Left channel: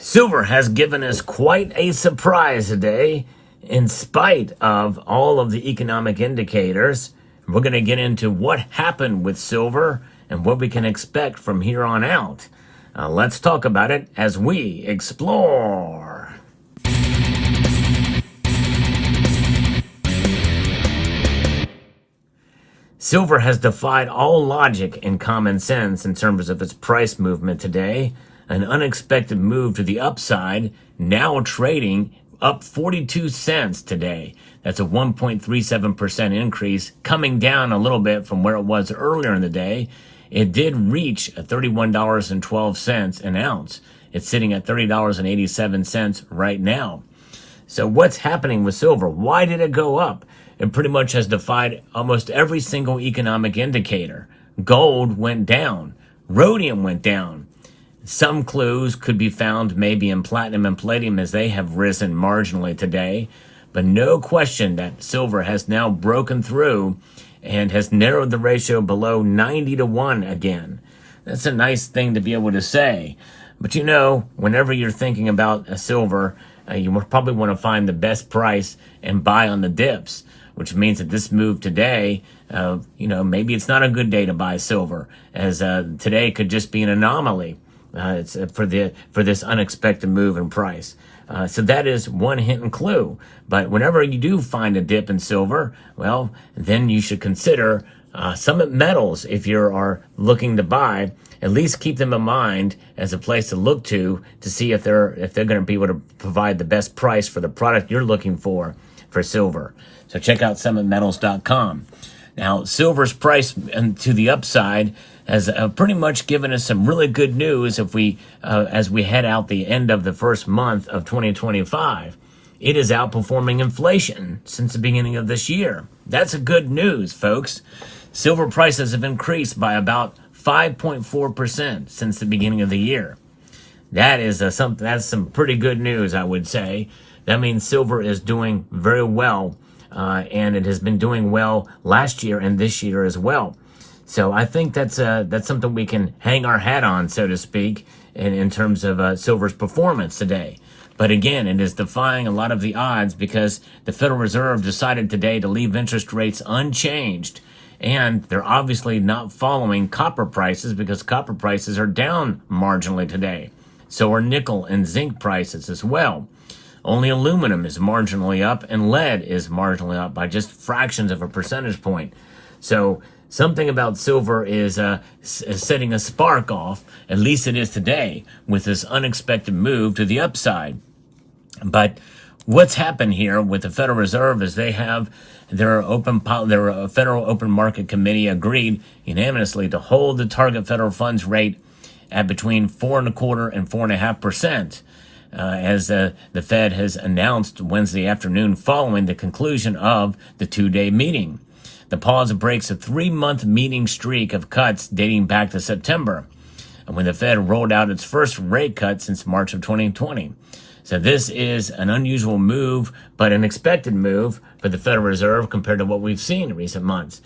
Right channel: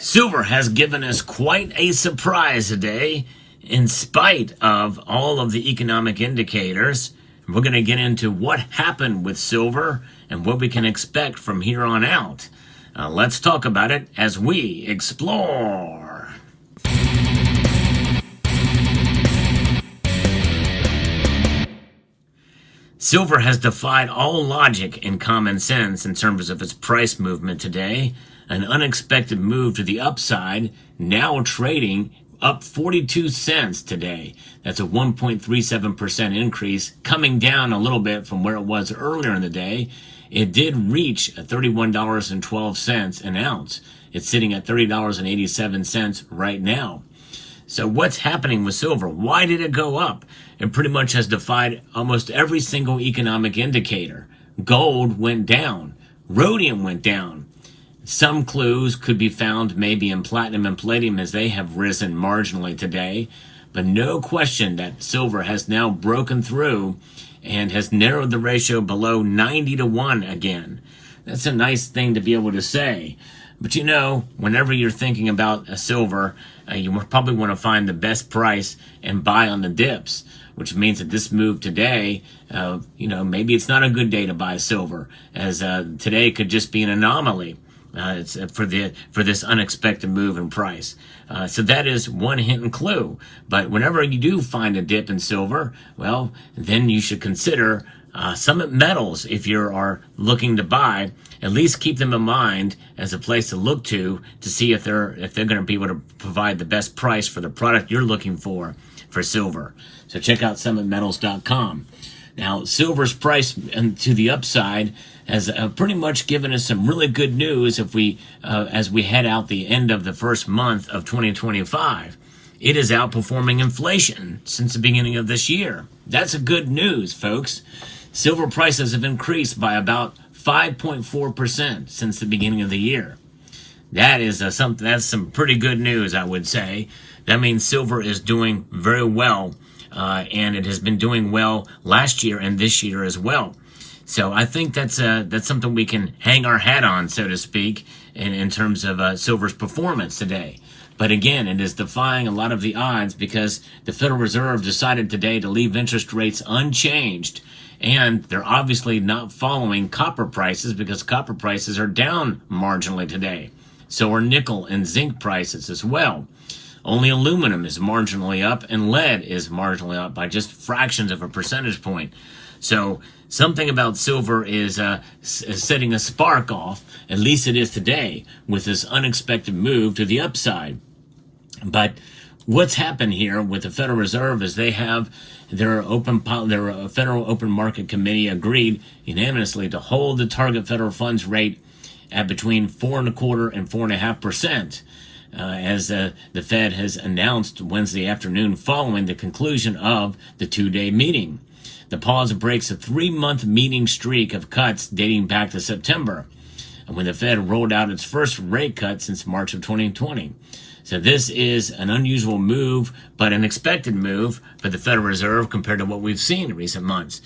Silver has given us quite a surprise today, in spite of all of the economic indicators. We're going to get into what happened with silver and what we can expect from here on out. Let's talk about it as we explore. Silver has defied all logic and common sense in terms of its price movement today. An unexpected move to the upside, now trading up 42 cents today. That's a 1.37% increase, coming down a little bit from where it was earlier in the day. It did reach $31.12 an ounce. It's sitting at $30.87 right now. So what's happening with silver? Why did it go up? It pretty much has defied almost every single economic indicator. Gold went down. Rhodium went down. Some clues could be found maybe in platinum and palladium as they have risen marginally today. But no question that silver has now broken through and has narrowed the ratio below 90-1 again. That's a nice thing to be able to say. But you know, whenever you're thinking about a silver, you probably want to find the best price and buy on the dips, which means that this move today, maybe it's not a good day to buy silver, as today could just be an anomaly. It's for this unexpected move in price. So that is one hint and clue. But whenever you do find a dip in silver, well, then you should consider Summit Metals. If you are looking to buy, at least keep them in mind as a place to look to see if they're going to be able to provide the best price for the product you're looking for silver. So check out summitmetals.com. Now, silver's price to the upside has pretty much given us some really good news as we head out the end of the first month of 2025. It is outperforming inflation since the beginning of this year. That's a good news, folks. Silver prices have increased by about 5.4% since the beginning of the year. That's some pretty good news, I would say. That means silver is doing very well, and it has been doing well last year and this year as well. So I think that's something we can hang our hat on, so to speak, in terms of silver's performance today. But again, it is defying a lot of the odds because the Federal Reserve decided today to leave interest rates unchanged. And they're obviously not following copper prices because copper prices are down marginally today. So are nickel and zinc prices as well. Only aluminum is marginally up and lead is marginally up by just fractions of a percentage point. So something about silver is setting a spark off, at least it is today, with this unexpected move to the upside. But what's happened here with the Federal Reserve is they have their Federal Open Market Committee agreed unanimously to hold the target federal funds rate at between 4.25% and 4.5%. As the Fed has announced Wednesday afternoon following the conclusion of the two-day meeting. The pause breaks a 3-month meeting streak of cuts dating back to September, when the Fed rolled out its first rate cut since March of 2020. So this is an unusual move, but an expected move for the Federal Reserve compared to what we've seen in recent months.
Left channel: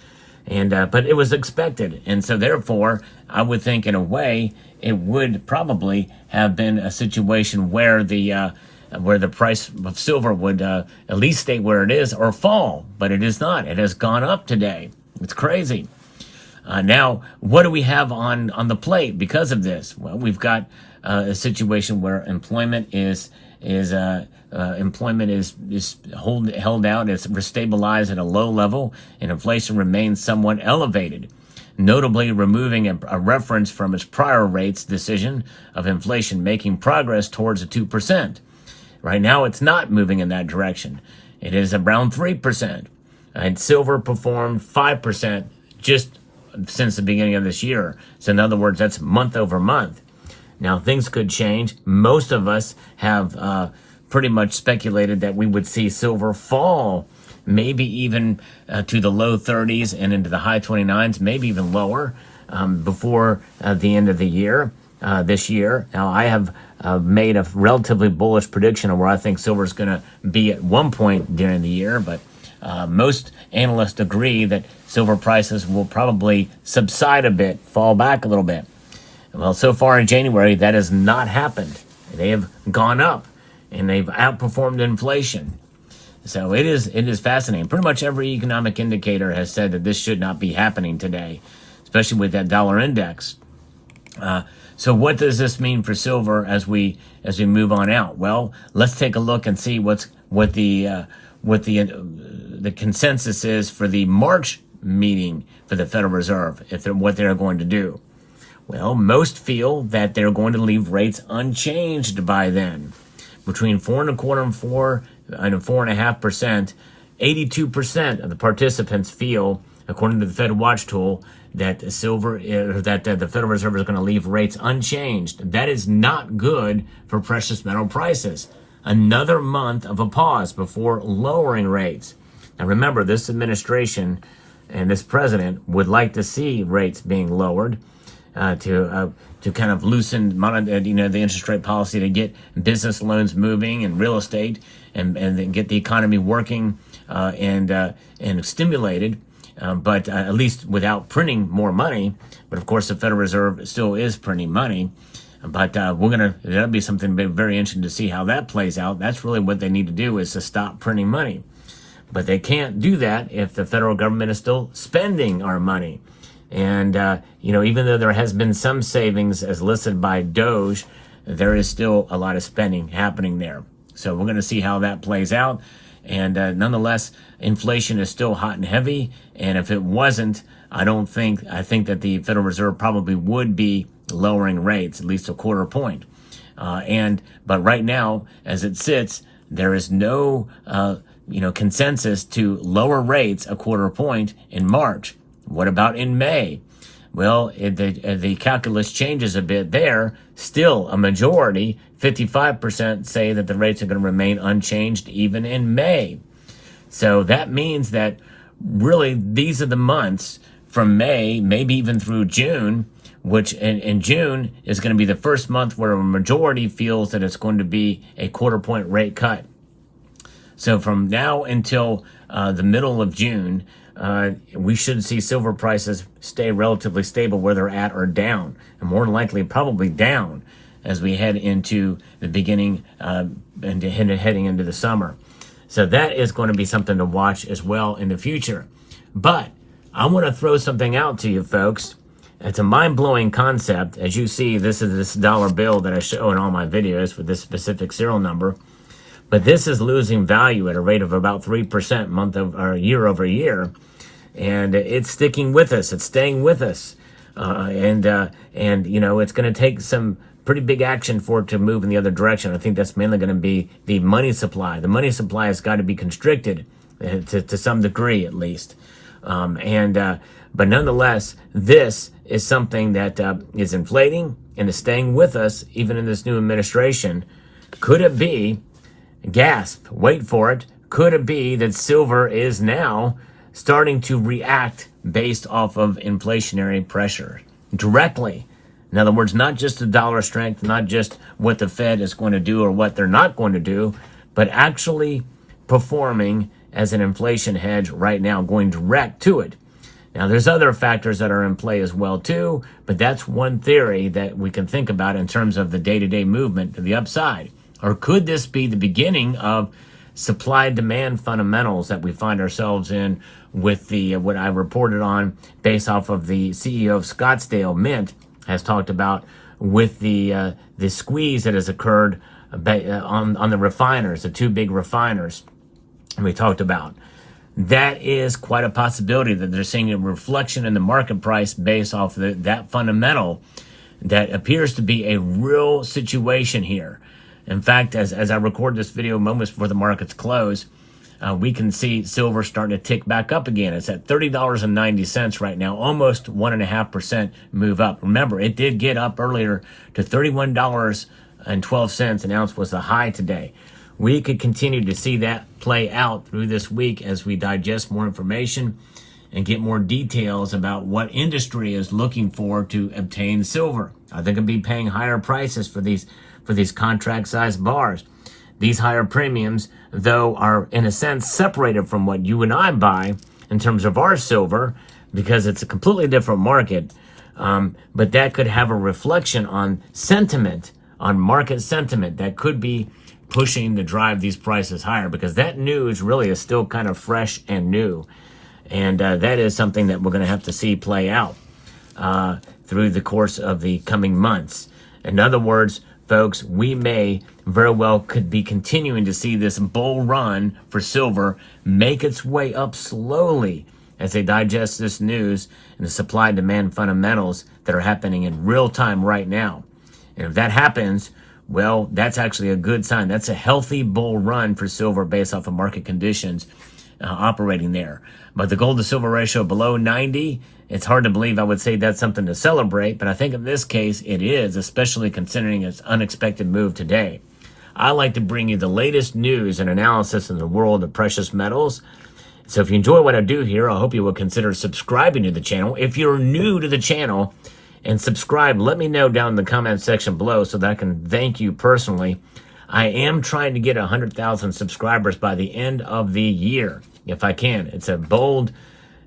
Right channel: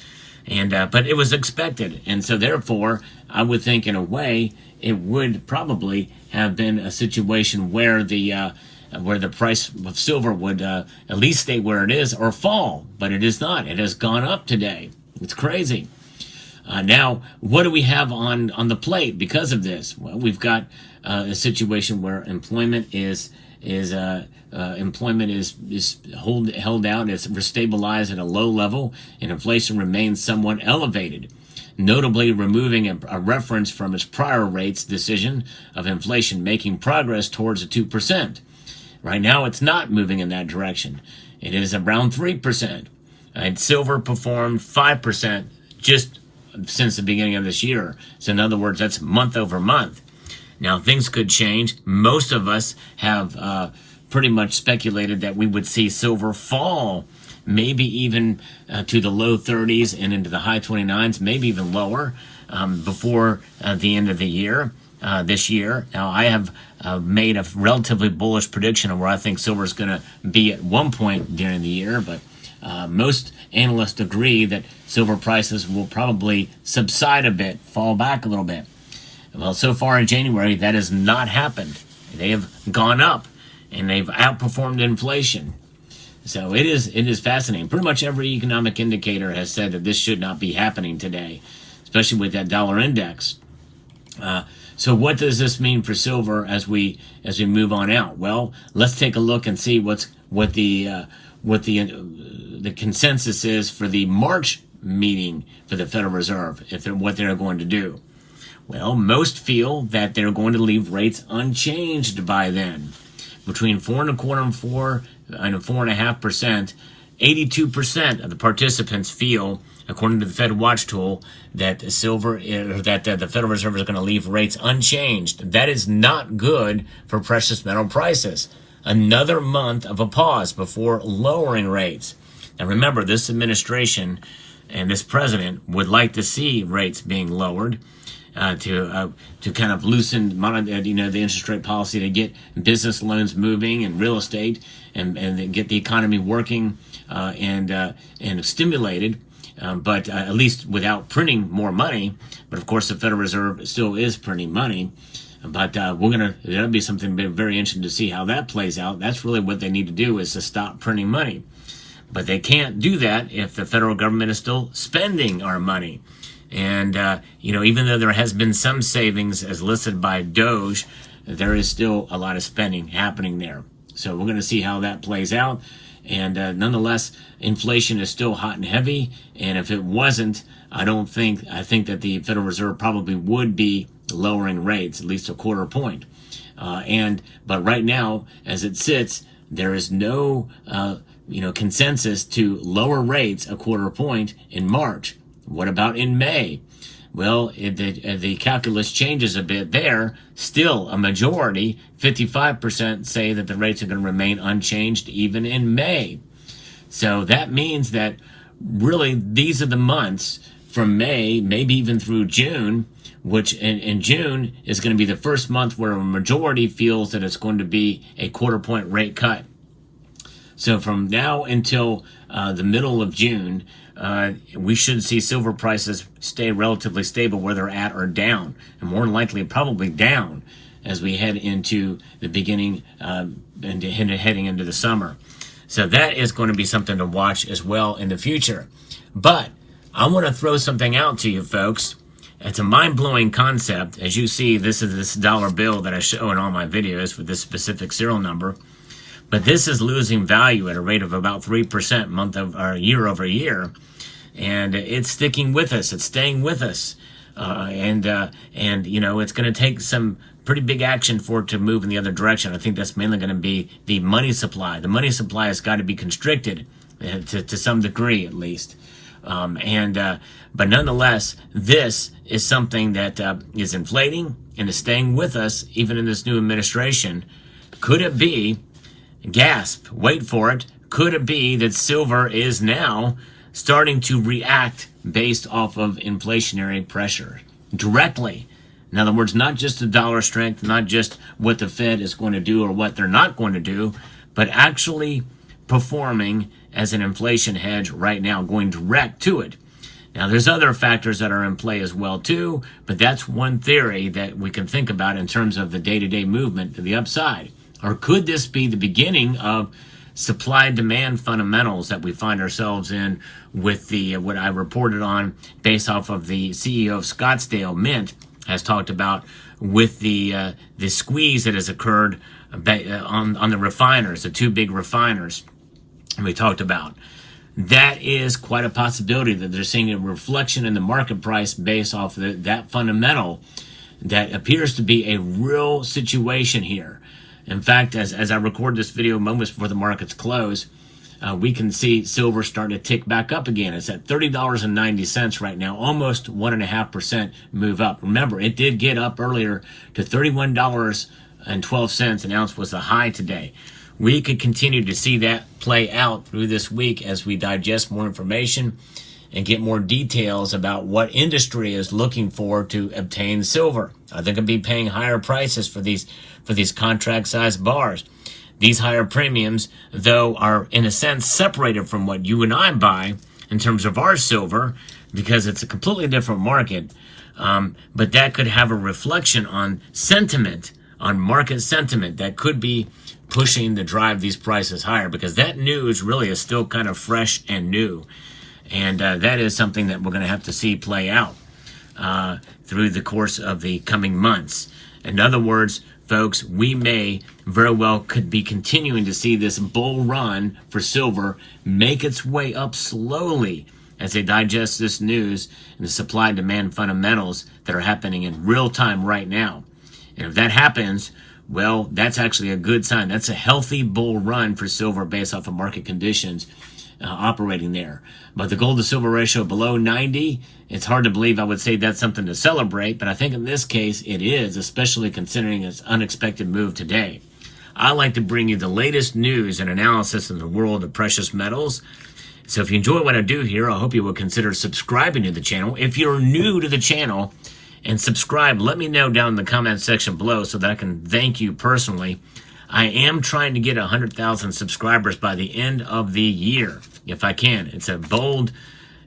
But it was expected, and so therefore, I would think in a way it would probably have been a situation where the price of silver would at least stay where it is or fall, but it is not. It has gone up today. It's crazy. Now, what do we have on the plate because of this? Well, we've got a situation where employment is held out. It's stabilized at a low level, and inflation remains somewhat elevated, notably removing a reference from its prior rates decision of inflation making progress towards 2%. Right now, it's not moving in that direction. It is around 3%. And silver performed 5% just since the beginning of this year. So in other words, that's month over month. Now, things could change. Most of us have pretty much speculated that we would see silver fall, maybe even to the low 30s and into the high 29s, maybe even lower before the end of the year, this year. Now, I have made a relatively bullish prediction of where I think silver is going to be at one point during the year, but most analysts agree that silver prices will probably subside a bit, fall back a little bit. Well, so far in January, that has not happened. They have gone up, and they've outperformed inflation. So it is fascinating. Pretty much every economic indicator has said that this should not be happening today, especially with that dollar index. So what does this mean for silver as we move on out? Well, let's take a look and see what the consensus is for the March meeting for the Federal Reserve, what they're going to do. Well, most feel that they're going to leave rates unchanged by then, between 4.25% and 4.5%. 82% of the participants feel, according to the Fed Watch tool, that the Federal Reserve is going to leave rates unchanged. That is not good for precious metal prices. Another month of a pause before lowering rates. Now remember, this administration and this president would like to see rates being lowered to kind of loosen the interest rate policy, to get business loans moving and real estate and get the economy working and stimulated. But at least without printing more money. But of course, the Federal Reserve still is printing money. But that'll be something very interesting to see how that plays out. That's really what they need to do, is to stop printing money. But they can't do that if the federal government is still spending our money. And, even though there has been some savings as listed by Doge, there is still a lot of spending happening there. So we're going to see how that plays out. And nonetheless, inflation is still hot and heavy. And if it wasn't, I think that the Federal Reserve probably would be lowering rates, at least a quarter point. But right now, as it sits, there is no, consensus to lower rates a quarter point in March. What about in May? Well, the calculus changes a bit there. Still, a majority, 55%, say that the rates are going to remain unchanged even in May. So that means that really these are the months from May, maybe even through June, which in June is going to be the first month where a majority feels that it's going to be a quarter point rate cut. So from now until the middle of June, we should see silver prices stay relatively stable where they're at, or down, and more than likely probably down as we head into the beginning and heading into the summer. So that is going to be something to watch as well in the future. But I want to throw something out to you folks. It's a mind-blowing concept. As you see, this is this dollar bill that I show in all my videos for this specific serial number. But this is losing value at a rate of about 3% year over year. And it's sticking with us. It's staying with us. And it's going to take some pretty big action for it to move in the other direction. I think that's mainly going to be the money supply. The money supply has got to be constricted to some degree, at least. But nonetheless, this is something that is inflating and is staying with us even in this new administration. Could it be, gasp, wait for it, could it be that silver is now starting to react based off of inflationary pressure directly? In other words, not just the dollar strength, not just what the Fed is going to do or what they're not going to do, but actually performing as an inflation hedge right now, going direct to it. Now, there's other factors that are in play as well, too, but that's one theory that we can think about in terms of the day-to-day movement to the upside. Or could this be the beginning of supply-demand fundamentals that we find ourselves in with the what I reported on based off of the CEO of Scottsdale Mint has talked about with the squeeze that has occurred on the refiners, the two big refiners we talked about. That is quite a possibility that they're seeing a reflection in the market price based off that fundamental that appears to be a real situation here. In fact, as I record this video moments before the markets close, we can see silver starting to tick back up again. It's at $30.90 right now, almost 1.5% move up. Remember, it did get up earlier to $31.12 an ounce was the high today. We could continue to see that play out through this week as we digest more information and get more details about what industry is looking for to obtain silver. Are they going to be paying higher prices for these contract-sized bars? These higher premiums, though, are in a sense separated from what you and I buy in terms of our silver because it's a completely different market. But that could have a reflection on sentiment on market sentiment that could be pushing to drive these prices higher, because that news really is still kind of fresh and new. And that is something that we're going to have to see play out through the course of the coming months. In other words, folks, we may very well could be continuing to see this bull run for silver make its way up slowly as they digest this news and the supply and demand fundamentals that are happening in real time right now. And if that happens, well, that's actually a good sign. That's a healthy bull run for silver based off of market conditions operating there. But the gold to silver ratio below 90, it's hard to believe I would say that's something to celebrate, but I think in this case it is, especially considering its unexpected move today. I like to bring you the latest news and analysis in the world of precious metals. So if you enjoy what I do here, I hope you will consider subscribing to the channel. If you're new to the channel and subscribe, let me know down in the comment section below so that I can thank you personally. I am trying to get 100,000 subscribers by the end of the year, if I can. It's a bold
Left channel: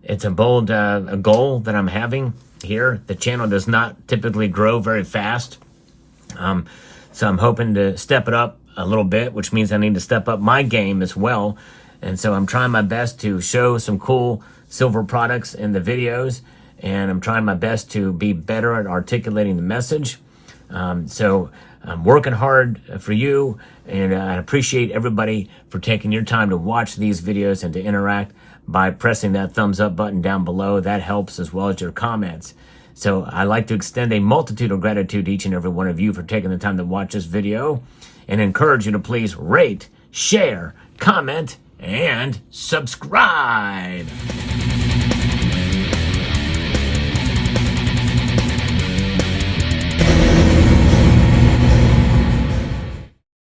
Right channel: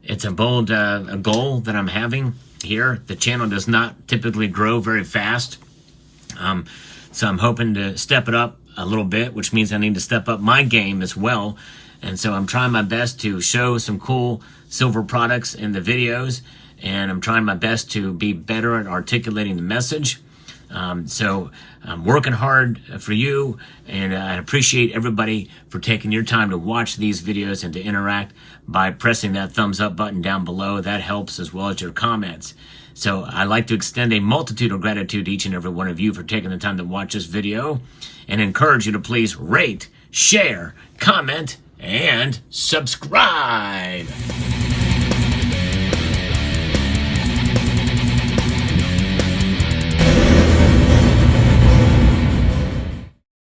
goal that I'm having here. The channel does not typically grow very fast, so I'm hoping to step it up a little bit, which means I need to step up my game as well. And so I'm trying my best to show some cool silver products in the videos, and I'm trying my best to be better at articulating the message. So I'm working hard for you, and I appreciate everybody for taking your time to watch these videos and to interact by pressing that thumbs up button down below. That helps, as well as your comments. So I'd like to extend a multitude of gratitude to each and every one of you for taking the time to watch this video, and encourage you to please rate, share, comment, and subscribe.